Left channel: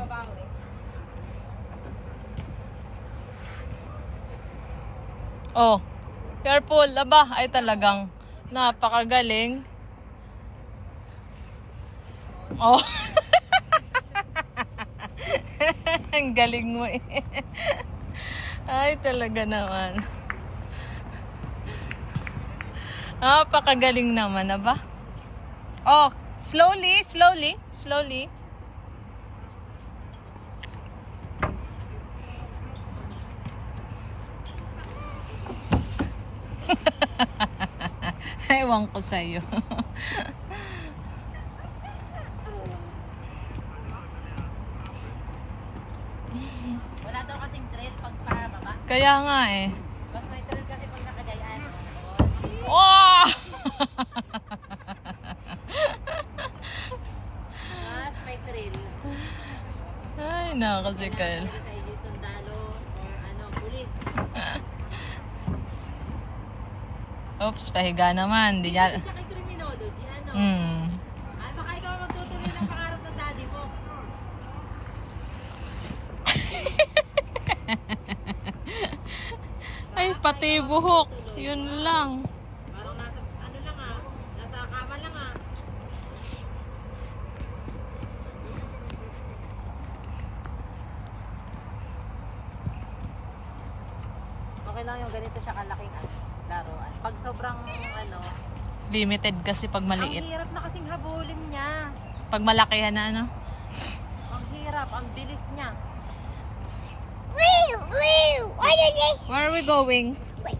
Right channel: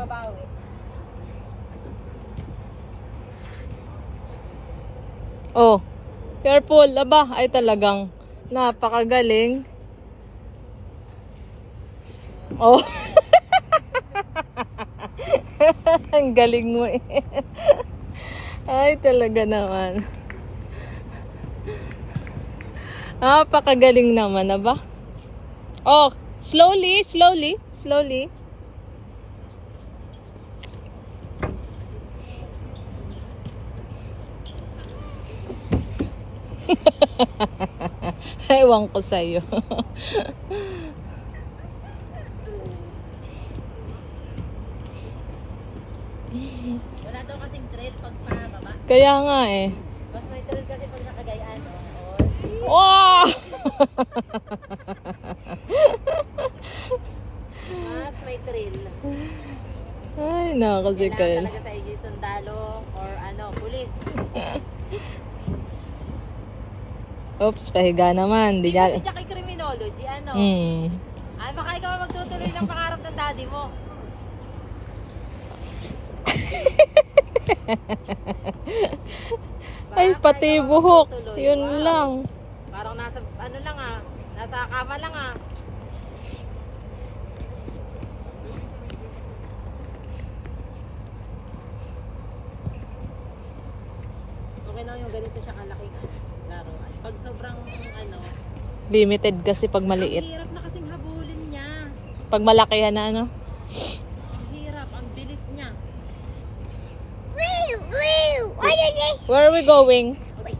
babawi. Oh, careful. Aba, ay talagang napakagaling. Oh. Ang galing mo eh. Ay, talaga naman. Napakagaling naman, aba. Oh, slowly, slowly, slowly. Ewan ko sa'yo. Wala daw kasing trail pag pababa. Kaya nga eh. Mas may trail kasi pag nakagayaan. Wow! Mas may trail. Ay, nako si Kailangan Kyle. talaga sa iyo sundalo or pulis. Oops, pahiga naman. Di Hindi niya... kasi siya kay criminology, Hmm. Ay, baka ikaw ang magtutuloy ng pangarap ng daddy mo. Ay, Baka pati ikaw ang buhok. magtutuloy. Yun Wow. lang. Parang nasa, nasa kama lang Okay lang yung ganito siya kalaking laruan. Pag sobrang Limited kasi pag ang maliit. hirap na kasing habulin niya. Pag malakihan na ano. Ang hirap, ang bilis niya. Where are we going? Like,